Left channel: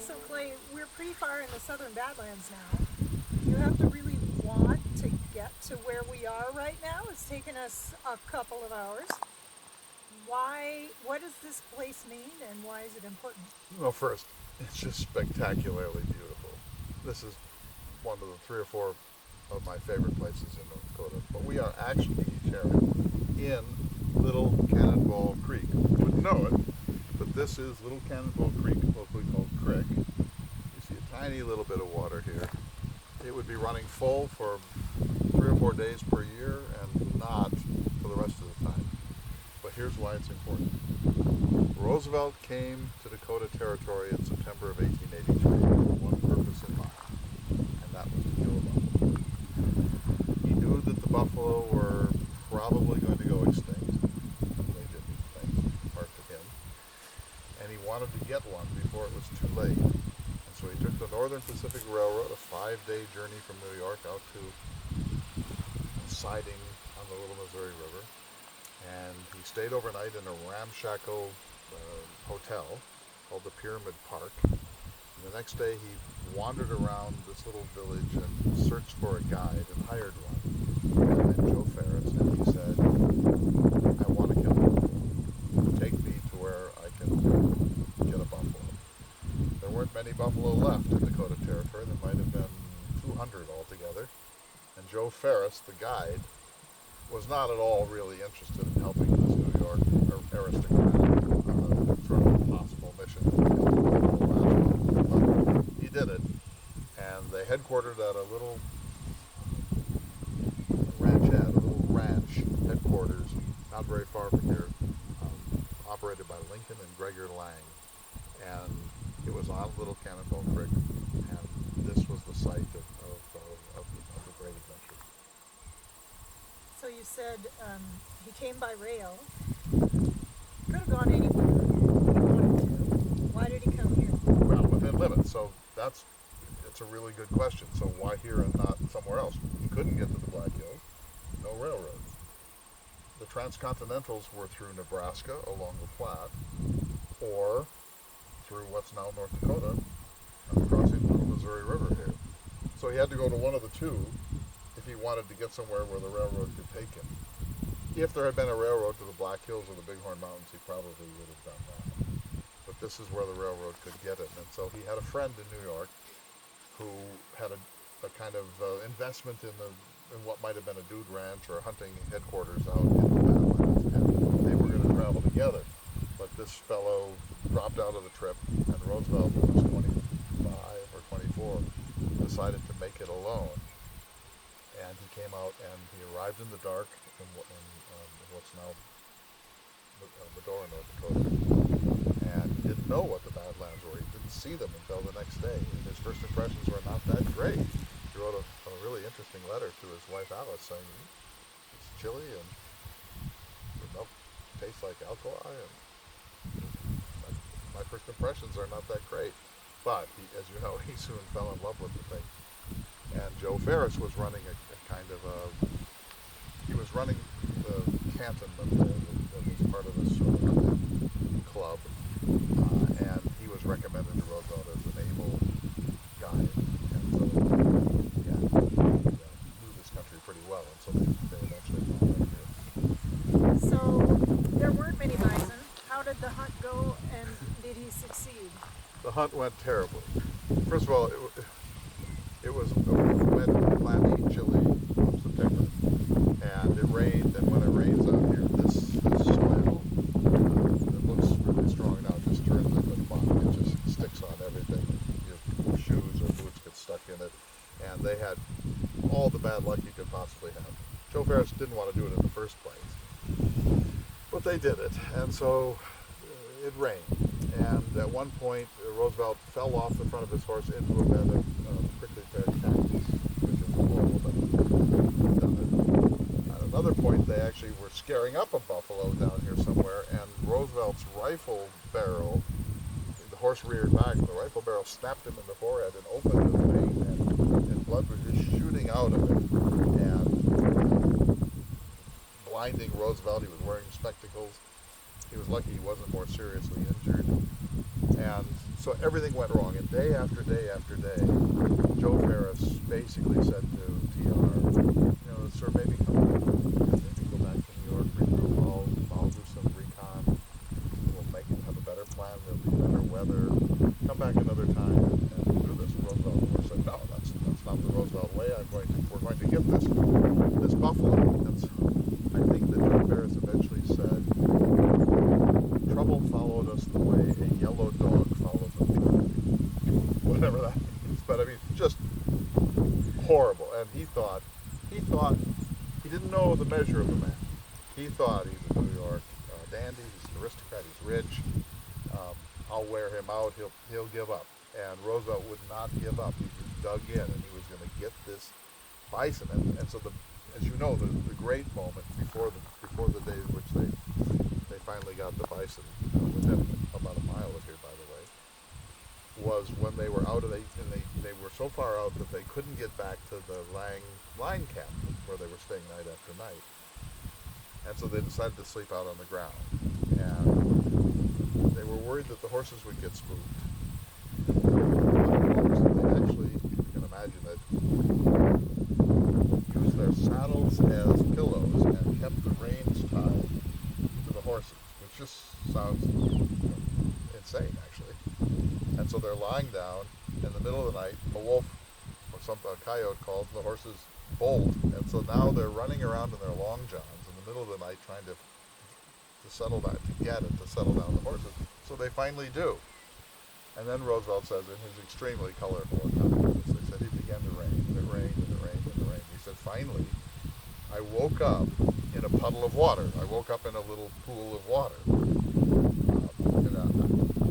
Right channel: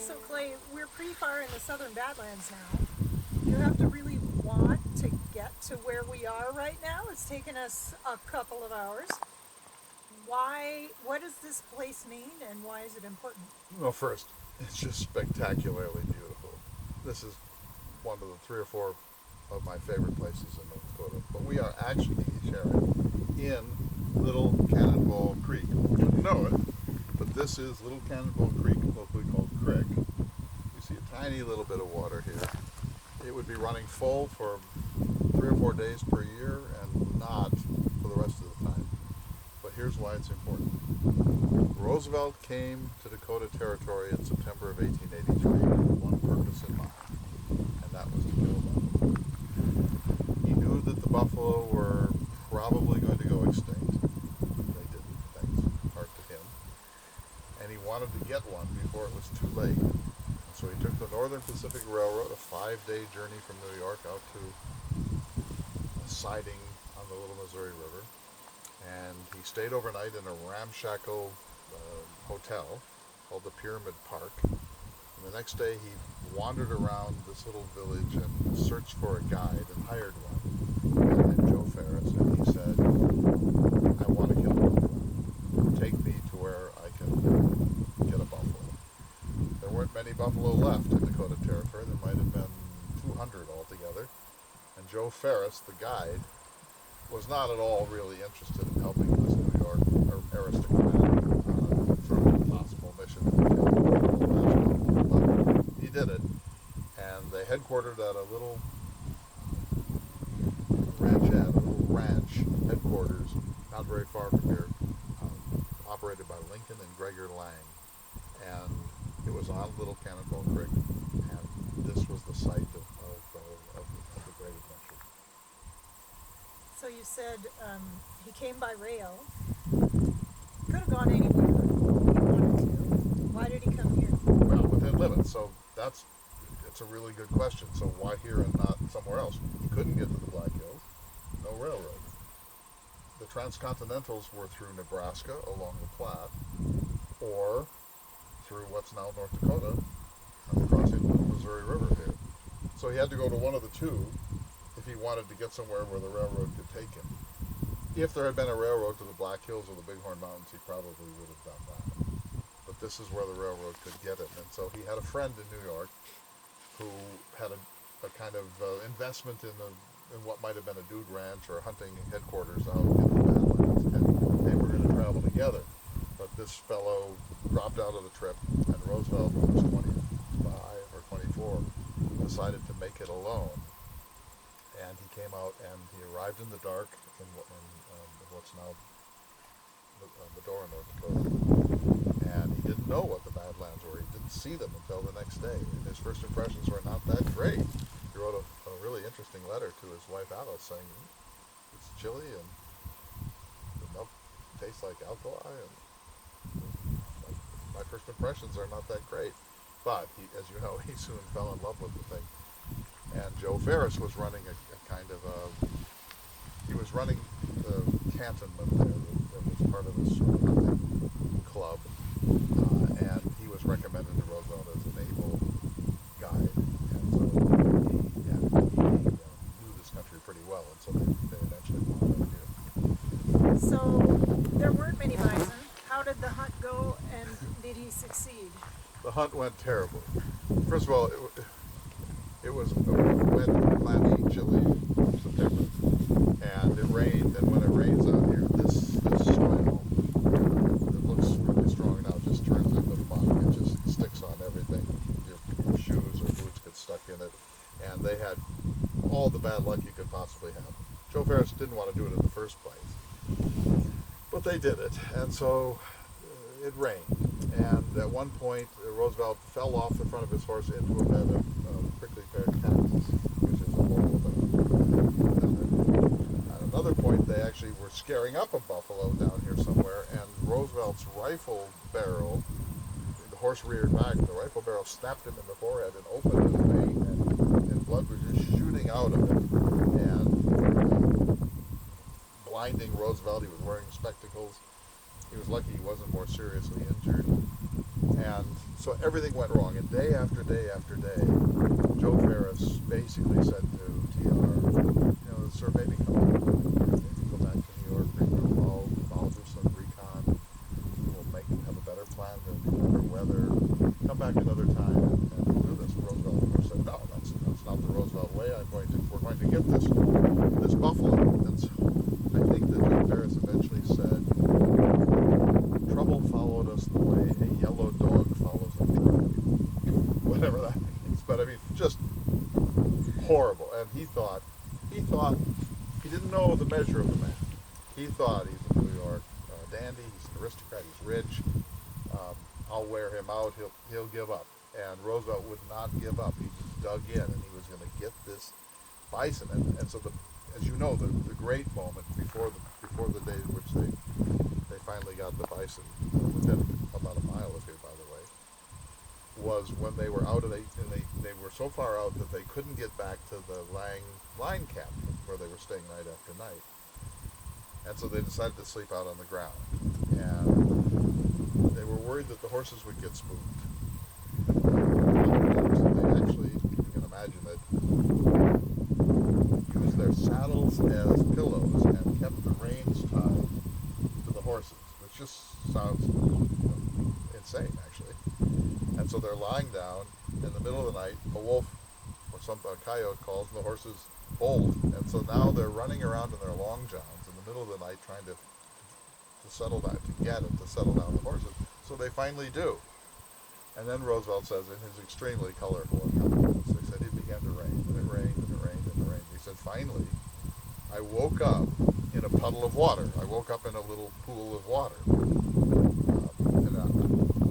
So Clay, we're pretty far in the southern Badlands now. You have to really want to get to where we are right now. It's taken us a couple of hours. What does this place mean, and why is it important? Well, first, it's just spectacularly beautiful. This is one of the 3 or 4 of my favorite places in North Dakota. But we are actually, Sharon, in Little Cannonball Creek. You wouldn't know it, but this is Little Cannonball Creek, locally called Crick. You see a tiny little bit of water here. It would be running full for 3 or 4 days per year and not for the rest of the time. But here's why it's important. Roosevelt came to Dakota Territory in September of 1883 with one purpose in mind, and that was to kill a buffalo. He knew that the buffalo were probably going to go extinct. They didn't, thanks in part to him. And he wanted to get one before it was too late. And so he took the Northern Pacific Railroad, a 5-day journey from New York out to a siding on the Little Missouri River. And he stayed overnight in a ramshackle hotel called the Pyramid Park. And the next day he wandered around this little village and searched for a guide and hired one, a guy named Joe Ferris, and he said, I want to kill a buffalo. Take me to where I can get a buffalo. There weren't many buffalo left in Dakota Territory. There might have been 200 altogether. And Joe Ferris, the guide, was not at all really interested in helping this New York aristocrat on a sort of impossible mission to kill the last buffalo. But he did it, and they headquartered at a little ranchette, a little ranch headquarters, not very far from here, operated by Lincoln and Gregor Lang. And it was on Little Cannonball Creek, and this was the site of the great adventure. So you said he came by rail. Could have gone anywhere he wanted to. Why did he come here? Well, within limits. So it's a really good question. So why here and not somewhere else? He couldn't get to the Black Hills. No railroad. The transcontinentals were through Nebraska along the Platte, or through what's now North Dakota, crossing the Little Missouri River here. So he had to go to one of the two if he wanted to get somewhere where the railroad could take him. If there had been a railroad to the Black Hills or the Bighorn Mountains, he probably would have done that. But this is where the railroad could get him. And so he had a friend in New York who had a kind of investment in what might have been a dude ranch or a hunting headquarters out in the Badlands, and they were going to travel together. But this fellow dropped out of the trip, and Roosevelt, who was 25 or 24, decided to make it alone. And he came out and he arrived in the dark in what's now Medora, North Dakota. And he didn't know what the Badlands were. He didn't see them until the next day. And his first impressions were not that great. He wrote a really interesting letter to his wife Alice saying, it's chilly and the milk tastes like alkali. And my first impressions are not that great. But, as you know, he soon fell in love with the thing. And Joe Ferris was running a kind of he was running the cantonment there that was part of this sort of hunting club, and he was recommended to Roosevelt as an able guide, and so he knew this country pretty well, and so they eventually wound up here. So there weren't many bison. How did the hunt go, and did he succeed? The hunt went terribly. First of all, it was a wet, clammy, chilly September, and it rained, and when it rains out here, this soil that looks really strong now just turns into muck. It just sticks on everything. Your shoes or boots get stuck in it, and they had all the bad luck you could possibly have. Joe Ferris didn't want to do it in the first place, but they did it, and so it rained. And at one point, Roosevelt fell off the front of his horse into a bed of prickly pear cactus, which is a horrible thing. I've done it. another point, they actually were scaring up a buffalo down here somewhere, and Roosevelt's rifle barrel, the horse reared back, and the rifle barrel snapped him in the forehead and opened his vein, and blood was just shooting out of it, and blinding Roosevelt. He was wearing spectacles. He was lucky he wasn't more seriously injured. And so everything went wrong. And day after day after day, Joe Ferris basically said to TR, sir, maybe come back. Maybe go back to New York, regroup. I'll do some recon. We'll have a better plan. There'll be better weather. Come back another time and we'll do this. And Roosevelt, of course, said, no, that's not the Roosevelt way. We're going to get this buffalo. And so I think that Joe Ferris eventually said, trouble followed us the way a yellow dog follows a drunk. Whatever that means. But I mean, just horrible. And he thought, he didn't know the measure of the man. He thought he's a New York dandy, he's an aristocrat, he's rich. I'll wear him out, he'll give up. And Roosevelt would not give up. He just dug in and he was going to get this bison. And so as you know, the great moment before the day in which they finally got the bison, within about a mile of here, by the way, was when they were out, and they were so far out that they couldn't get back to the line camp where they were staying night after night. And so they decided to sleep out on the ground. And they were worried that the horses would get spooked. So they actually, you can imagine it, used their saddles as pillows and kept the reins tied to the horses, which just sounds insane, actually. And so they're lying down in the middle of the night, a wolf or a coyote calls, and the horses bolt. And so now they're running around in their long johns in the middle of the night trying to settle down, to settle down the horses. So they finally do. And then Roosevelt says in his extremely colorful account, they said it began to rain, and it rained, and it rained, and it rained. He said, finally, I woke up in a puddle of water. I woke up in a little pool of water.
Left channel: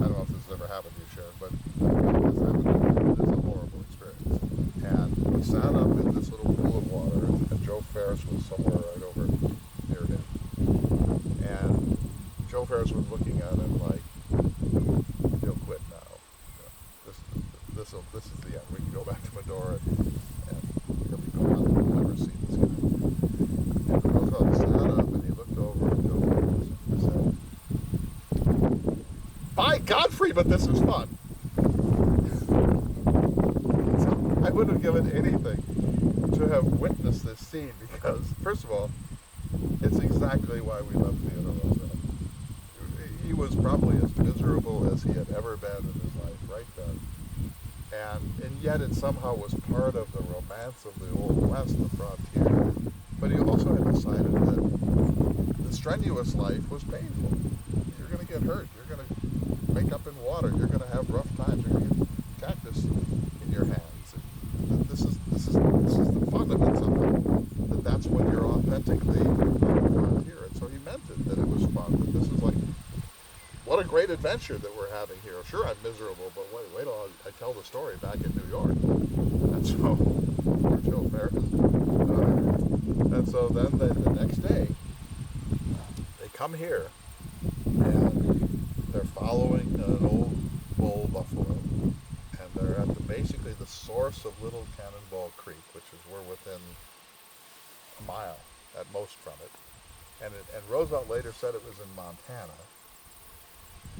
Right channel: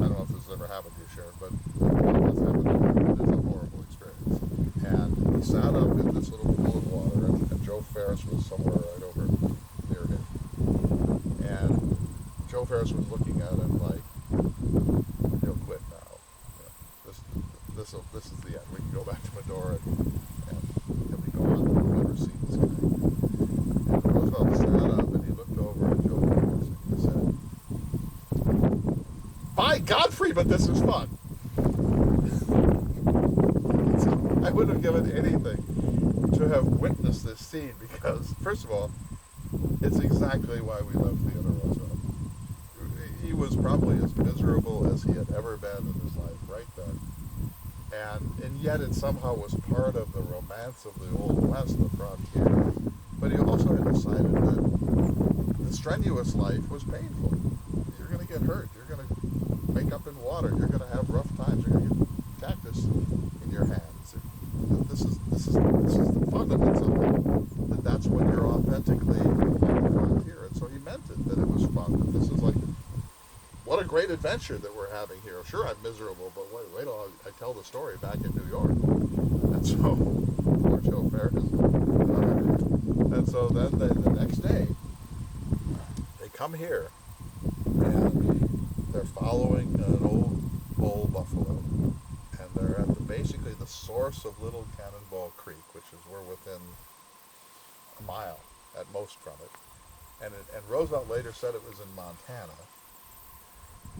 I don't know if this has ever happened to you, Sharon, but it has happened to me. It is a horrible experience. And he sat up in this little pool of water, and Joe Ferris was somewhere right over near him. And Joe Ferris was looking at him like, he'll quit now. This is the end. We can go back to Medora, and he'll be gone. We'll never see this guy. And Roosevelt sat up, and he looked over at Joe Ferris, and he said, by Godfrey, but this is fun. So I would have given anything to have witnessed this scene because, first of all, it's exactly why we love Theodore Roosevelt. He was probably as miserable as he had ever been in his life right then. And yet it somehow was part of the romance of the Old West, the frontier. But he also had decided that the strenuous life was painful. You're going to get hurt. You're going to make up in water. You're going to have rough times. You're going to get cactus in your hands. This is the fun of it. Something that's when you're authentically on the frontier. And so he meant it, that it was fun. That this is like, what a great adventure that we're having here. Sure, I'm miserable, but wait till I tell the story back in New York. And so, poor Joe Ferris. All right. And so then the next day, they come here, and they're following an old bull buffalo, and they're at basically the source of Little Cannonball Creek, which is we're within a mile at most from it. And Roosevelt later said it was in Montana.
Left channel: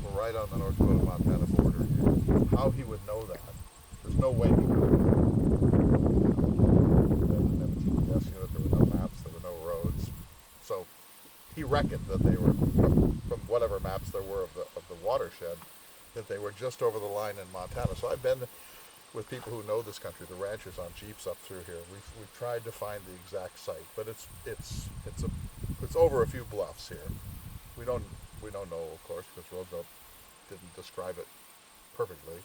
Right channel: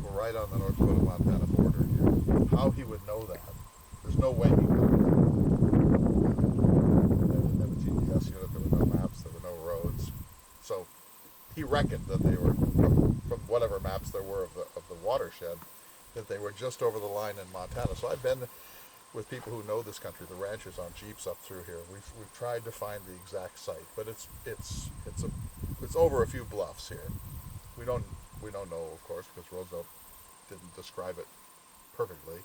We're right on the North Dakota-Montana border here. How he would know that? There's no way he could have known. They didn't have a GPS unit. There were no maps. There were no roads. So he reckoned that they were from whatever maps there were of the watershed, that they were just over the line in Montana. So I've been with people who know this country, the ranchers on jeeps up through here. We've tried to find the exact site, but it's over a few bluffs here. We don't know, of course, because Roosevelt didn't describe it perfectly,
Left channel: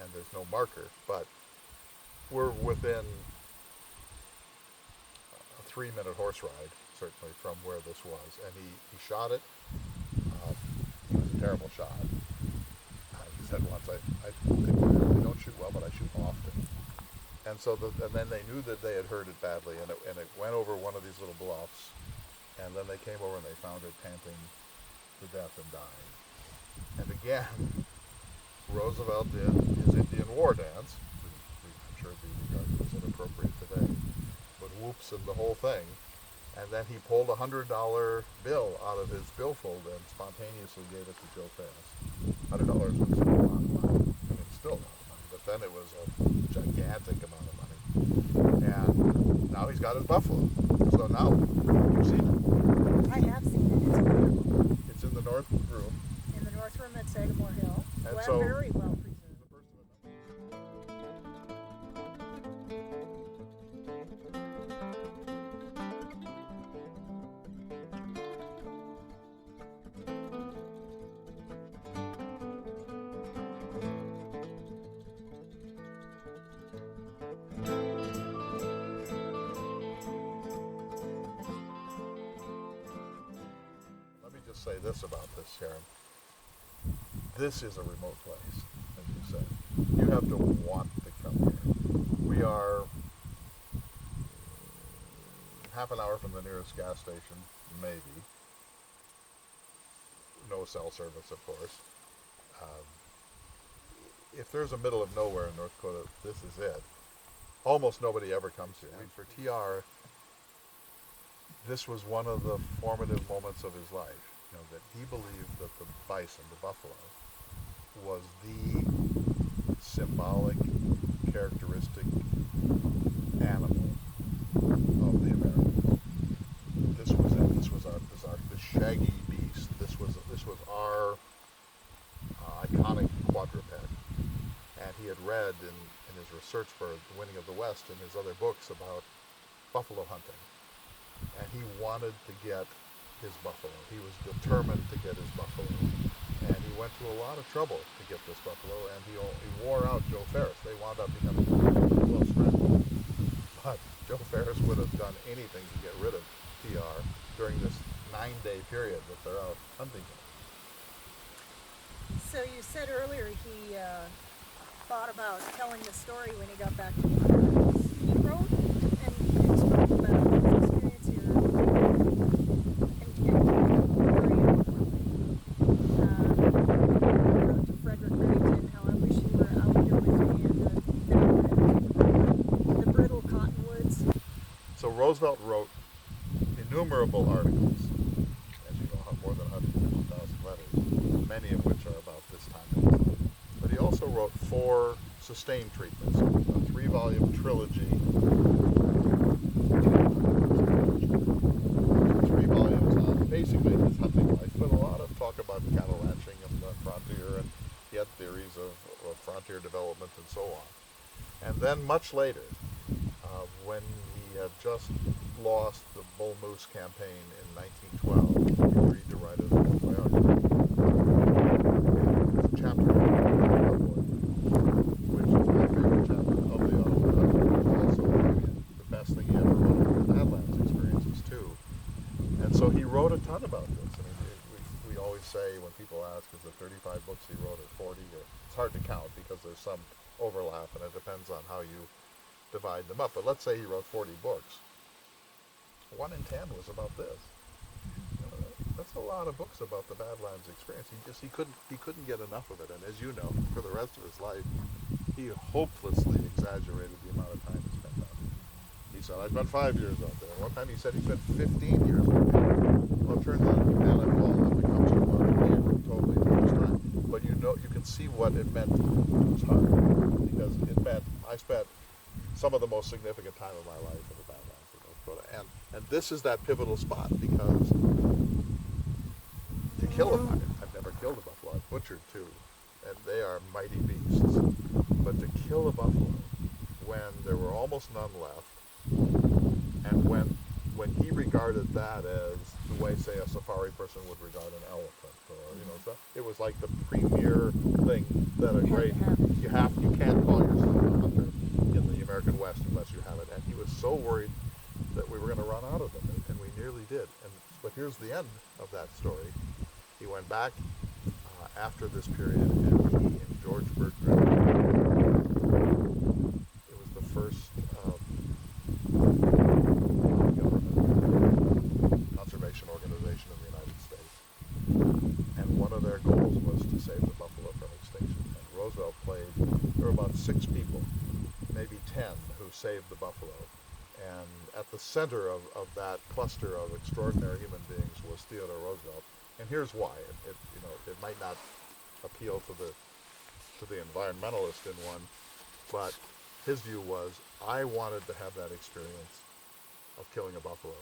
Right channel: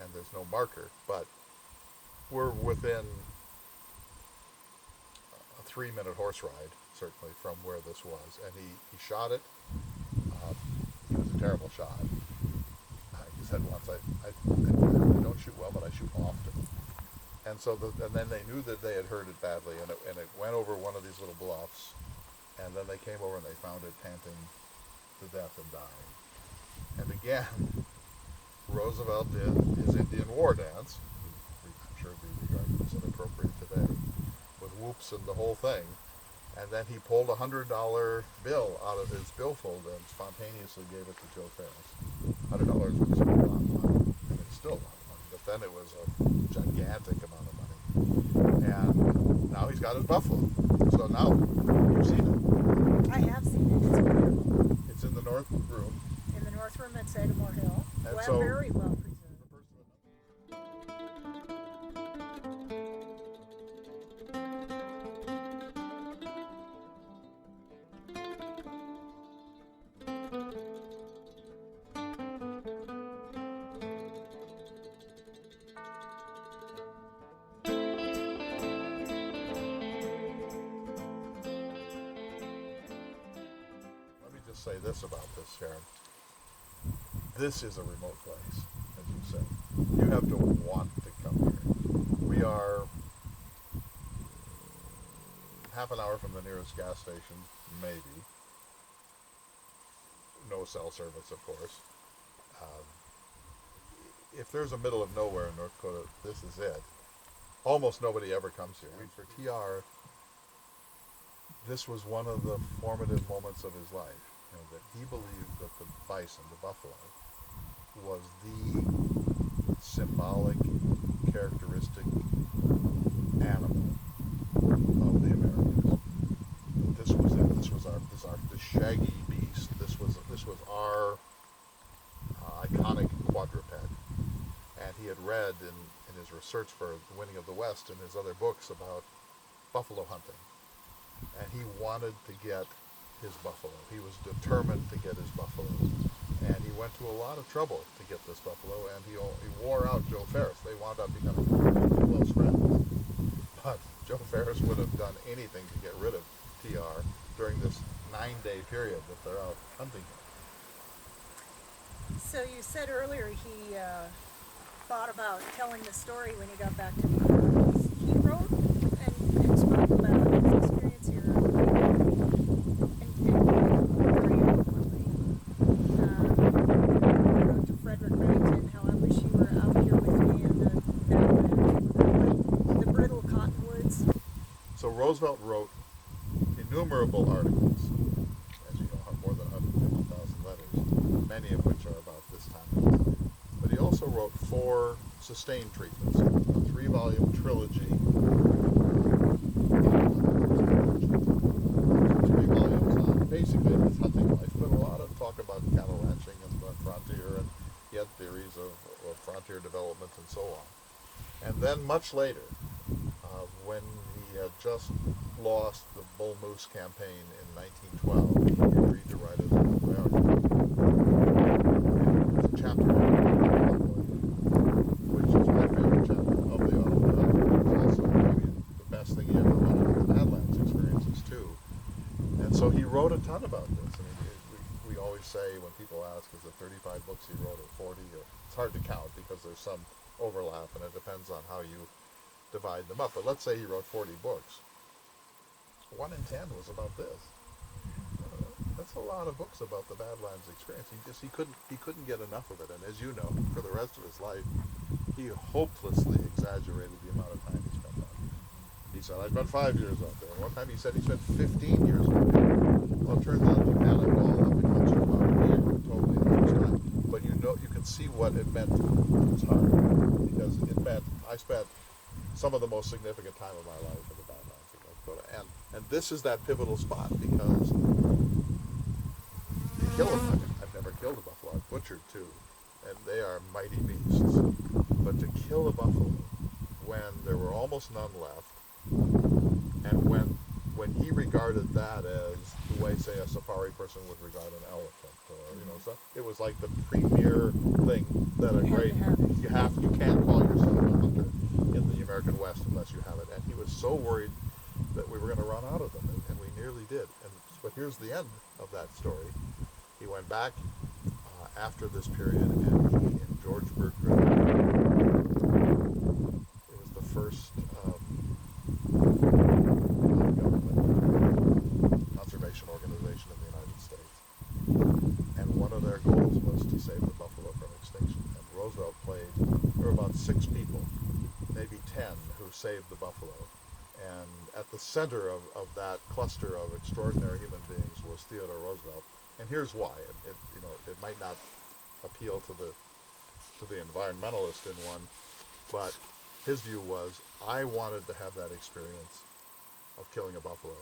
and there's no marker, but we're within a 3-minute horse ride, certainly, from where this was, and he shot it. He was a terrible shot. He said once, I don't shoot well, but I shoot often. And so, and then they knew that they had heard it badly, and it went over one of these little bluffs, And then they came over and they found it panting to death and dying. And again, Roosevelt did his Indian war dance. I'm sure it'd be regarded as inappropriate today, with whoops and the whole thing. And then he pulled a $100 bill out of his billfold and spontaneously gave it to Joe Ferris. $100 was a lot of money. I mean, it's still a lot of money, but then it was a gigantic amount of money. And now he's got his buffalo. So now, you've seen it. I have seen it. It's beautiful. It's in the north room. In the north room at Sagamore Hill. And Well, so- very well preserved. Let me just say this about this, Sharon. This is a remote place, as you said. You have to want to come here. We are half an hour from the nearest gas station, maybe. No cell service, of course. If there's a middle of nowhere in North Dakota, this is it. Almost nobody ever comes here. And for TR, this was one of the formative moments of his life. You know, that he believed that the bison, the buffalo, was the symbolic, characteristic animal of the Americas. This was it. This was the shaggy beast. This was our iconic quadruped. And he had read in his research for The Winning of the West and his other books about buffalo hunting. And he wanted to get his buffalo. He was determined to get his buffalo. And he went to a lot of trouble to get this buffalo, and he wore out Joe Ferris. They wound up becoming close friends. But Joe Ferris would have done anything to get rid of TR during this 9-day period that they're out hunting him. So you said earlier he thought about telling the story when he got back to New York. He wrote and spoke about his experience here and very eloquently. He wrote to Frederick Remington how I wish you were out here with me in the Badlands, the brittle cottonwoods. So Roosevelt wrote innumerable articles, as you know, more than 150,000 letters, many of which are about this time in his life. But he also wrote 4 sustained treatments, a 3-volume trilogy, 3 volumes on basically his hunting life, but a lot of talk about cattle ranching and the frontier, and he had theories of frontier development and so on. And then much later, when he had just lost the Bull Moose campaign in 1912, he agreed to write his autobiography. And there's a chapter in the Cowboy, which is my favorite chapter of the autobiography. It's also maybe the best thing he ever wrote about the Badlands experiences too. And so he wrote a ton about this. I mean, we always say when people ask, is it 35 books he wrote or 40? Or, it's hard to count because there's some overlap and it depends on how you divide them up. But let's say he wrote 40 books. 1 in 10 was about this. You know, that's a lot of books about the Badlands experience. He couldn't get enough of it. And as you know, for the rest of his life, he hopelessly exaggerated the amount of time he spent out here. He said, I spent 5 years out there. One time he said he spent 15 years out there. Well, it turns out if you add it all up, it comes to about a year totally the first time. But you can see what it meant. It was hard because it meant I spent some of the most significant time of my life in the Badlands of North Dakota. And this is that pivotal spot because to kill them, I've never killed a buffalo. I've butchered 2, and they are mighty beasts. But to kill a buffalo when there were almost none left, and when he regarded that as the way, say, a safari person would regard an elephant, or so it was like the premier thing that a great you can't call yourself a hunter in the American West unless you have it. And he was so worried that we were going to run out of them, and we nearly did. But here's the end of that story. He went back after this period, and he and George Bird Griffin, it was the first government conservation and one of their goals was to save the buffalo from extinction. And Roosevelt played, there were about 6 people, maybe 10, who saved the buffalo. And at the center of that cluster of extraordinary human beings was Theodore Roosevelt. And here's why. It might not appeal to the environmentalist in one, but his view was, I wanted to have that experience of killing a buffalo.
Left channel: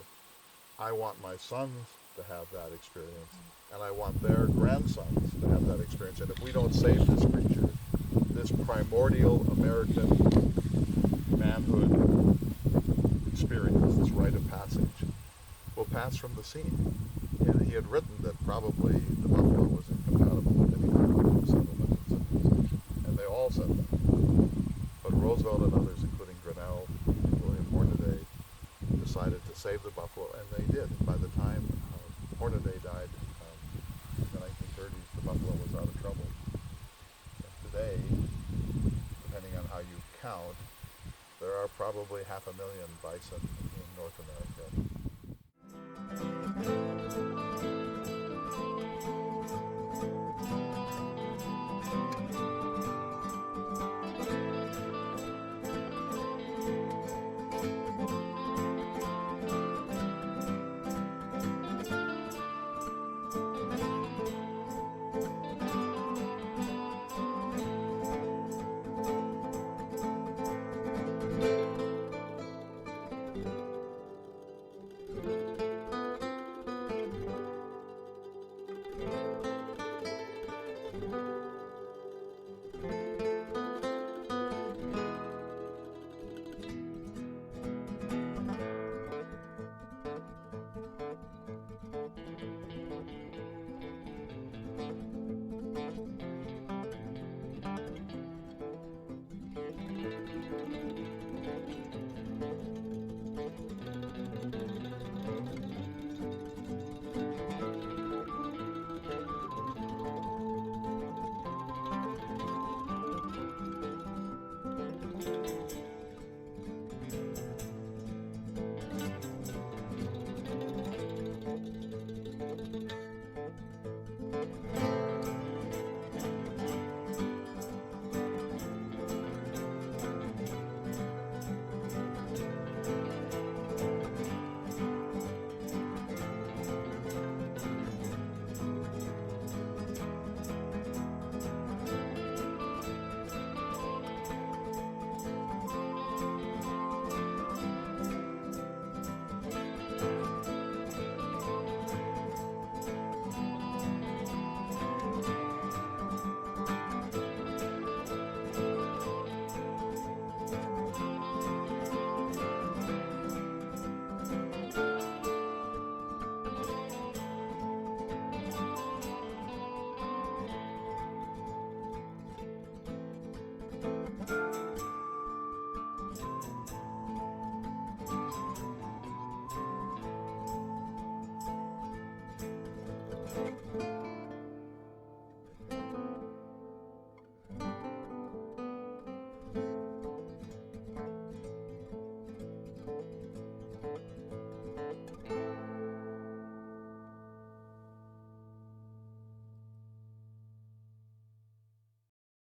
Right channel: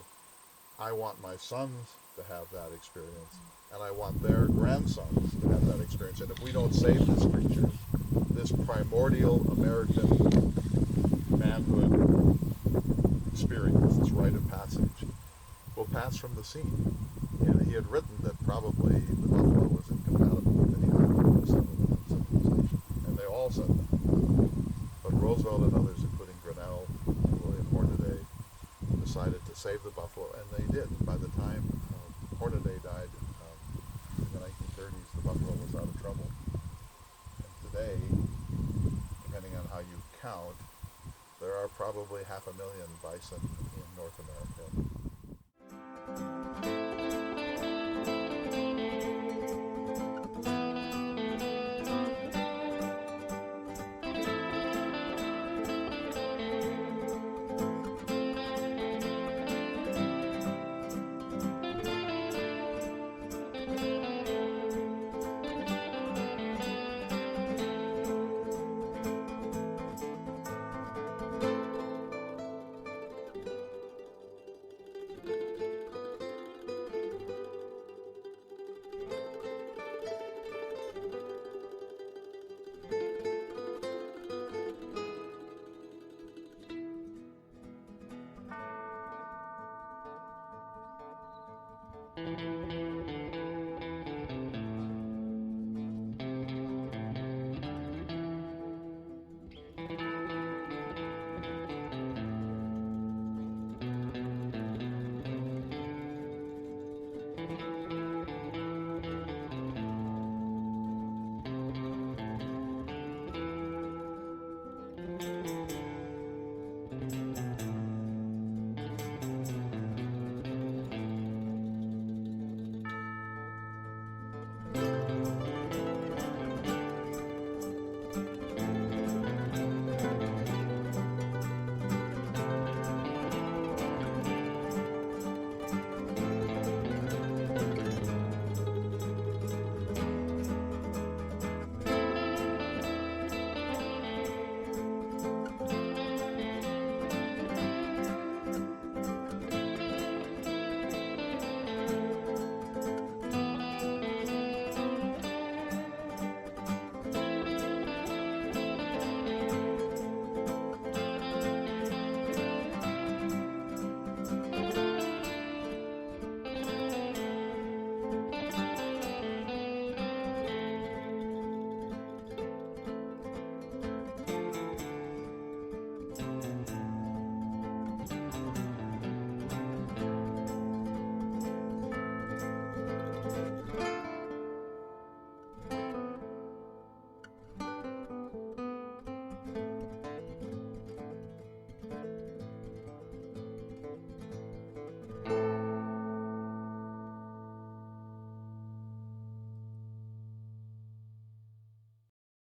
I want my sons to have that experience, and I want their grandsons to have that experience. And if we don't save this creature, this primordial American manhood experience, this rite of passage, will pass from the scene. And he had written that probably the buffalo was incompatible with any high level of settlement and civilization. And they all said that. But Roosevelt and others, including Grinnell and William Hornaday, decided to save the buffalo, and they did. And by the time Hornaday died in the 1930s, the buffalo was out of trouble. And today, depending on how you count, there are probably 500,000 bison in North America.